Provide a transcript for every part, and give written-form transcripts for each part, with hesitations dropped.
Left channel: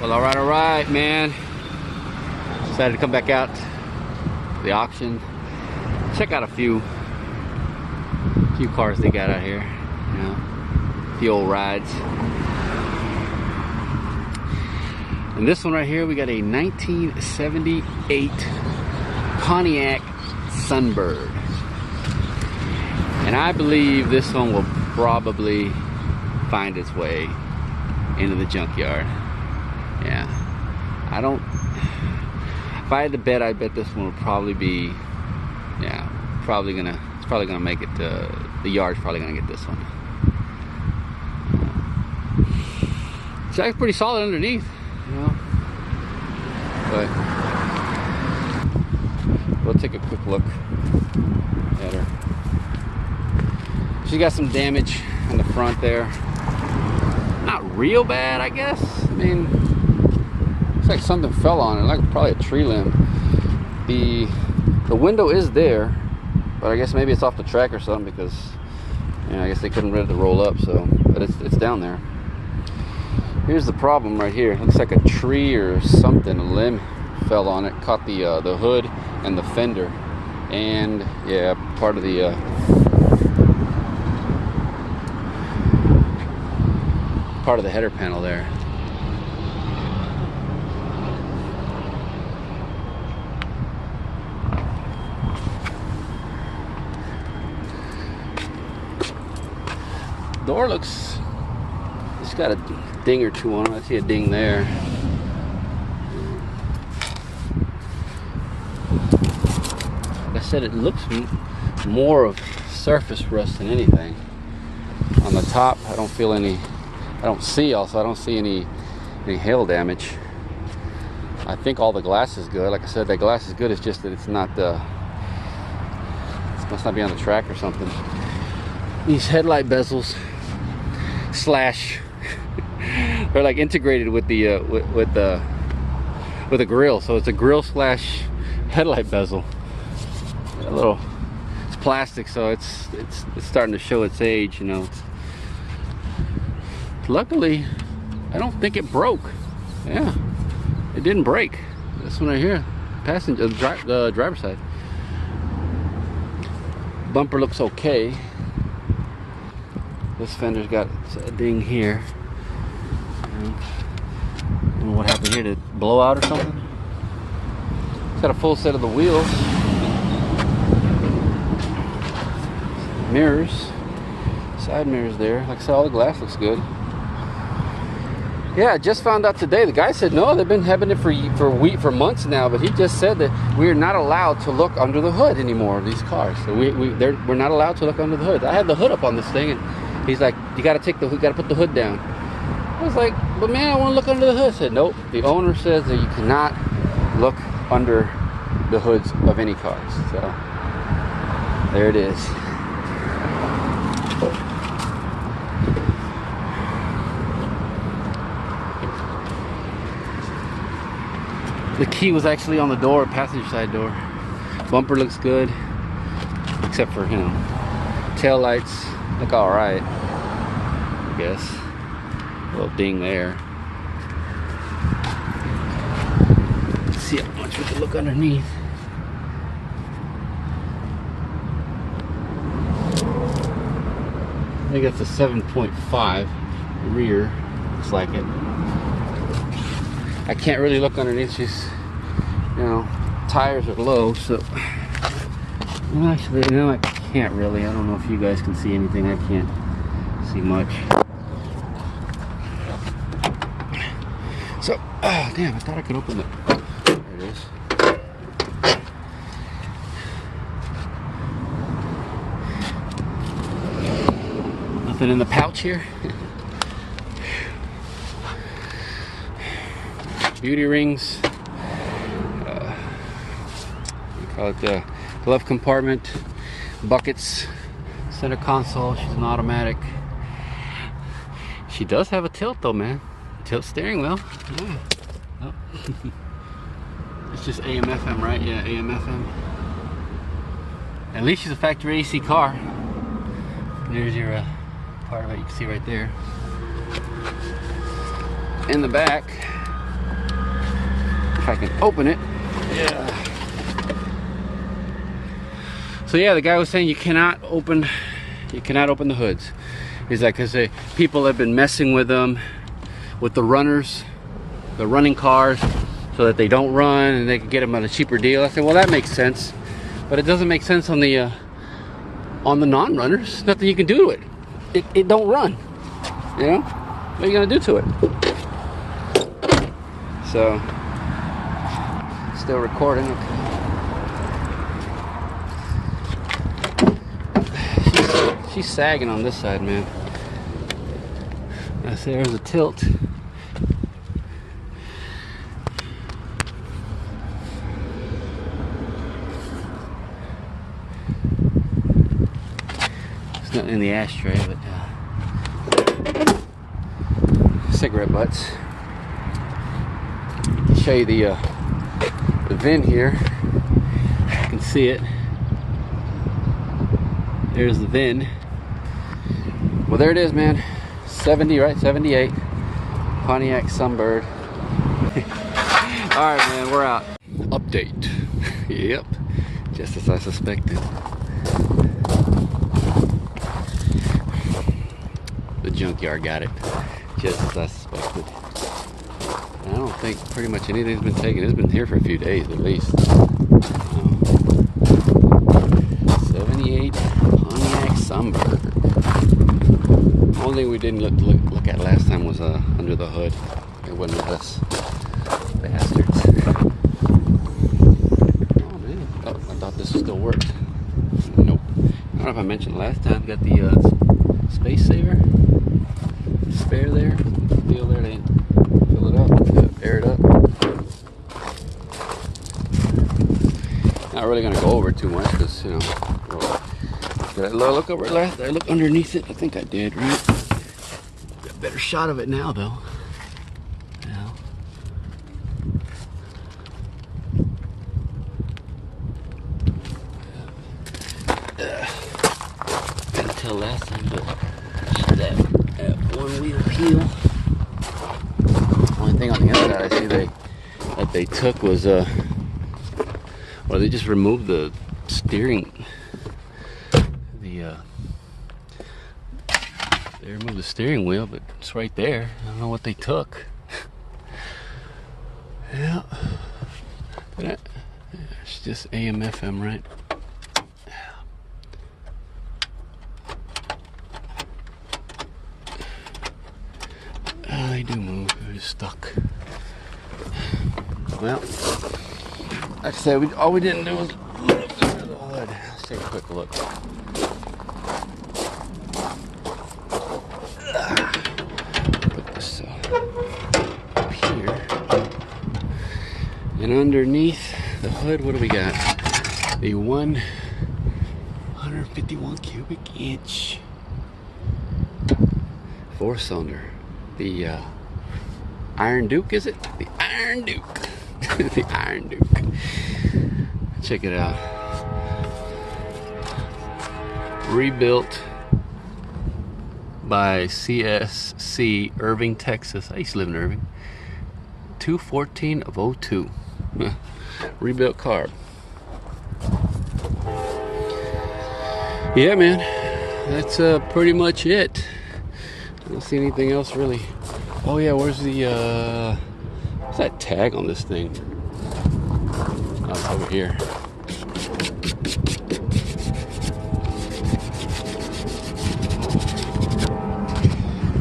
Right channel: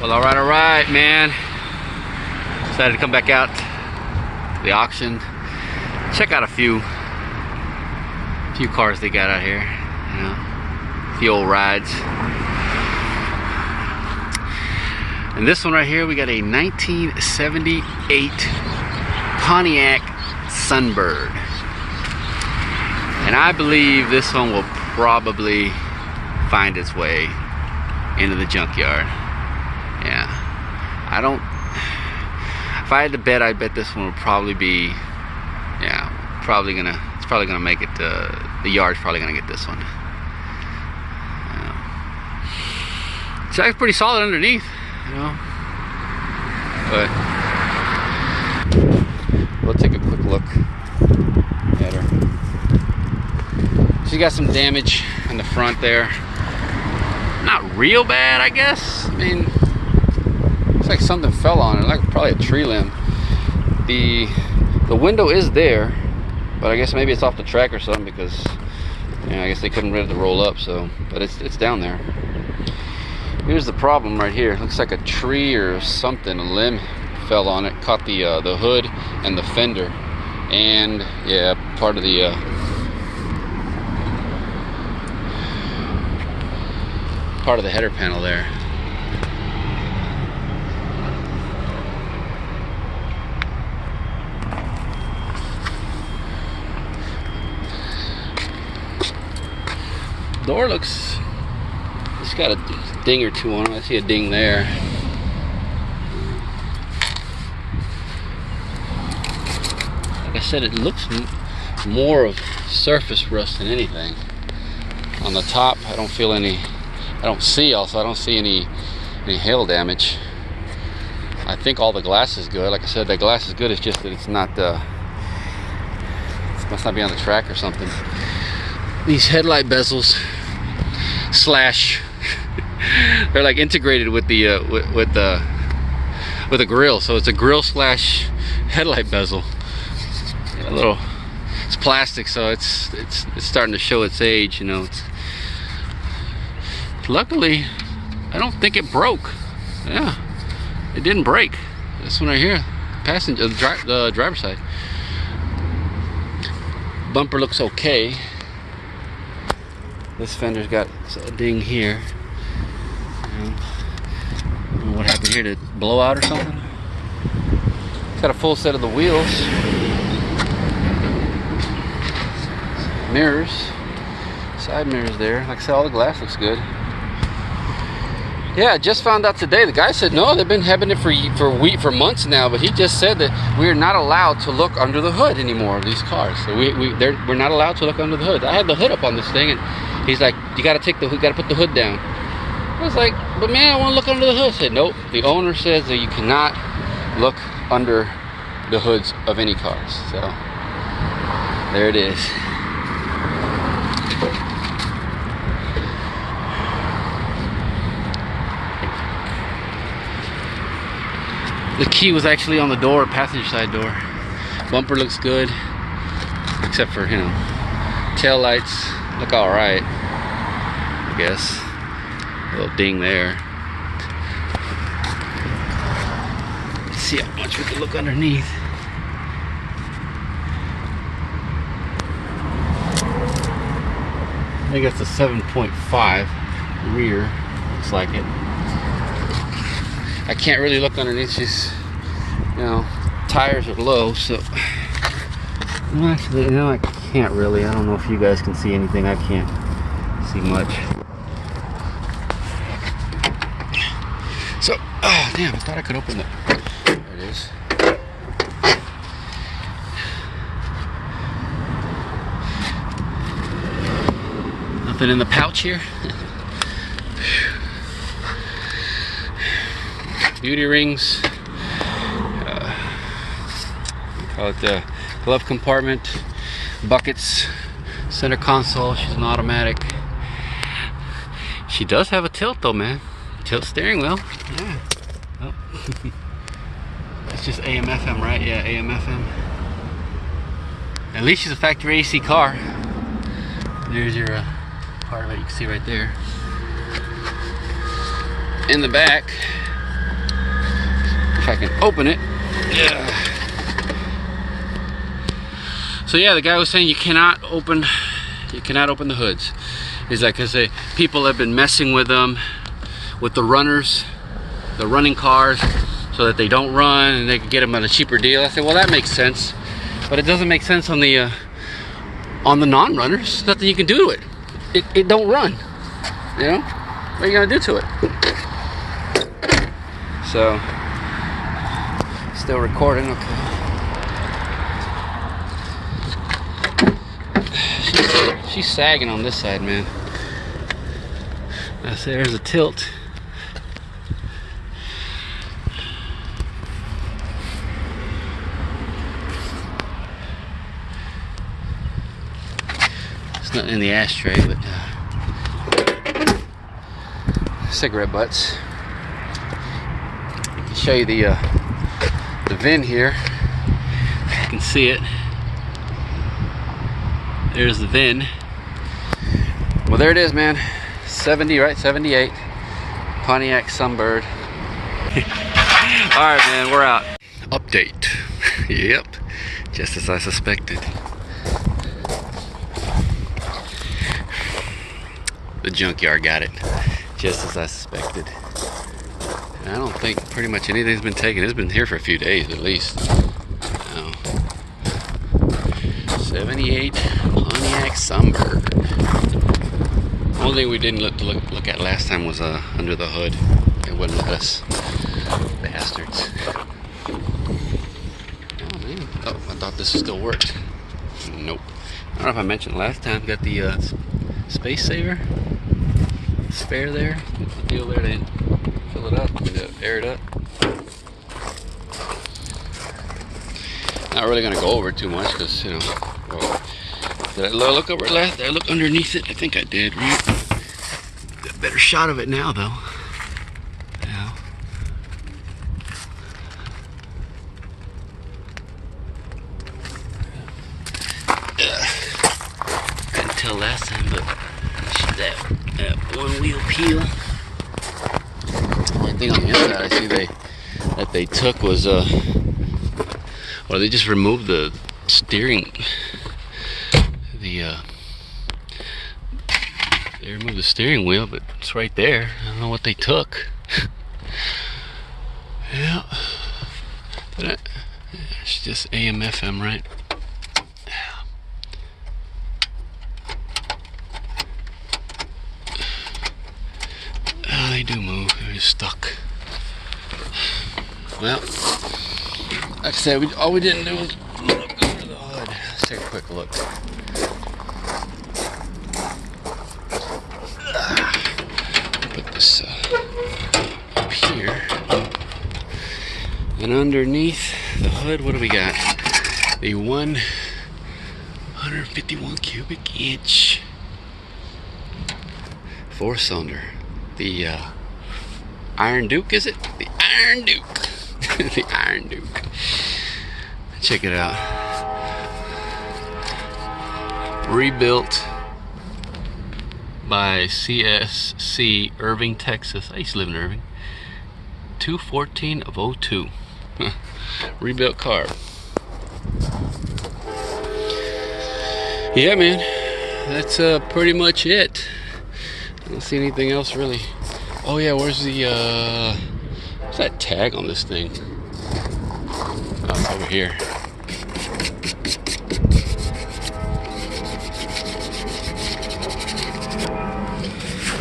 Well, all right, man. Decided to come back out to the auction, check out a few cars they got out here. You know, a few old rides. And this one right here, we got a 1978 Pontiac Sunbird. And I believe this one will probably find its way into the junkyard. Yeah, I don't, if I had to bet, I'd bet this one would probably be, yeah, it's probably gonna make it, the yard's probably gonna get this one. Yeah. It's actually pretty solid underneath, you know, but we'll take a quick look at her. She got some damage on the front there. Not real bad, I guess. I mean, looks like something fell on it, like probably a tree limb. The window is there, but I guess maybe it's off the track or something, because you know, I guess they couldn't get it to roll up. So, but it's down there. Here's the problem right here. Looks like a tree or something, a limb fell on it, caught the hood and the fender, and yeah, part of the header panel there. Door looks, it's got a ding or two on it. I see a ding there. Like I said, it looks more of surface rust than anything. On the top, I don't feel any, I don't see any hail damage. I think all the glass is good. Like I said, the glass is good. It's just that it's not, it must not be on the track or something. These headlight bezels slash, they're like integrated with the with the grill. So it's a grill slash headlight bezel. A little, it's plastic, so it's starting to show its age. You know. Luckily, I don't think it broke. Yeah, it didn't break. This one right here, passenger, the driver's side. Bumper looks okay. This fender's got a ding here. I don't know what happened here, did it blow out or something? It's got a full set of the wheels. Mirrors, side mirrors there. Like I said, all the glass looks good. Yeah, I just found out today. The guy said no, they've been having it for months now, but he just said that we're not allowed to look under the hood anymore of these cars. So we're not allowed to look under the hood. I had the hood up on this thing, and he's like, you got to put the hood down. I was like, but man, I want to look under the hood. I said, nope. The owner says that you cannot look under the hoods of any cars. So there it is. The key was actually on the door, passenger side door. Bumper looks good, except for, you know, tail lights look all right, I guess. A little ding there. Let's see how much we can look underneath. I think it's a 7.5 rear, looks like it. I can't really look underneath these, you know, tires are low, so actually, you know, I can't really. I don't know if you guys can see anything. I can't see much. So, oh damn, I thought I could open the, there it is. Nothing in the pouch here. Beauty rings, we call it the glove compartment, buckets, center console. She's an automatic. She does have a tilt though, man. Tilt steering wheel. Yeah. Oh. It's just AM FM, right? Yeah, AM FM. At least she's a factory AC car. There's your part of it, you can see right there. In the back, if I can open it. Yeah. So yeah, the guy was saying you cannot open the hoods. He's like, cause people have been messing with them, with the runners, the running cars, so that they don't run and they can get them at a cheaper deal. I said, well, that makes sense, but it doesn't make sense on the non-runners. Nothing you can do to it. It don't run. You know, what are you gonna do to it? So, still recording. Okay. She's sagging on this side, man. I see there's a tilt. It's not in the ashtray, but cigarette butts. I'll show you the VIN here. You can see it. There's the VIN. Well, there it is, man. 70, right? 78. Pontiac Sunbird. Alright, man, we're out. Update. Yep. Just as I suspected. The junkyard got it. Just as I suspected. And I don't think pretty much anything's been taken. It's been here for a few days at least. 78 Pontiac Sunbird. Only thing we didn't look at last time was under the hood. It wouldn't let us. Bastards. Oh man. Oh, I thought this still worked. Nope. I don't know if I mentioned last time. Got the space saver. Spare there. What's the deal there? They didn't fill it up. Air it up. Not really gonna go over it too much because, you know. Well, did I look over it last? Did I look underneath it? I think I did, right? Got a better shot of it now, though. Yeah. Couldn't tell last time, but that one wheel peel. Only thing on the inside I see that they took was well, they just removed the steering. They removed the steering wheel, but it's right there. I don't know what they took. Yeah. It's just AM FM, right? Oh, they do move. They're just stuck. Well, like I said, all we didn't do was look under the hood. Let's take a quick look. Put this up here. And underneath the hood, what do we got? The 151 cubic inch 4-cylinder. The Iron Duke, is it? The Iron Duke. The Iron Duke. Check it out. Rebuilt by CSC Irving, Texas. I used to live in Irving. 2/14 of 02. Rebuilt carb. Yeah, man. That's pretty much it. I don't see anything else really. Oh yeah, where's the what's that tag on this thing? Oh, it's over here.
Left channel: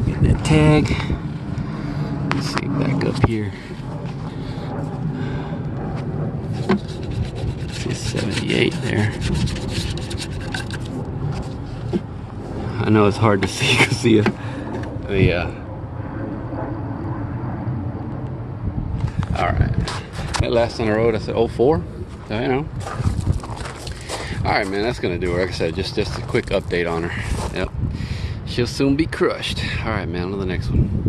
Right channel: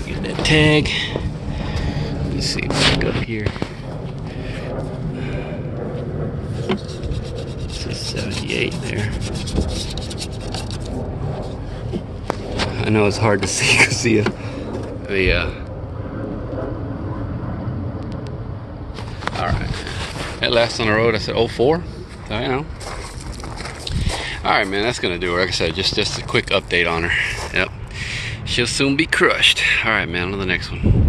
Get that tag. Let's see what we got here. This is 78 there. I know it's hard to see because the alright, that last on the road I said 04. I know. Alright, man, that's gonna do it. Like I said, just a quick update on her. Yep, she'll soon be crushed. Alright, man, on to the next one.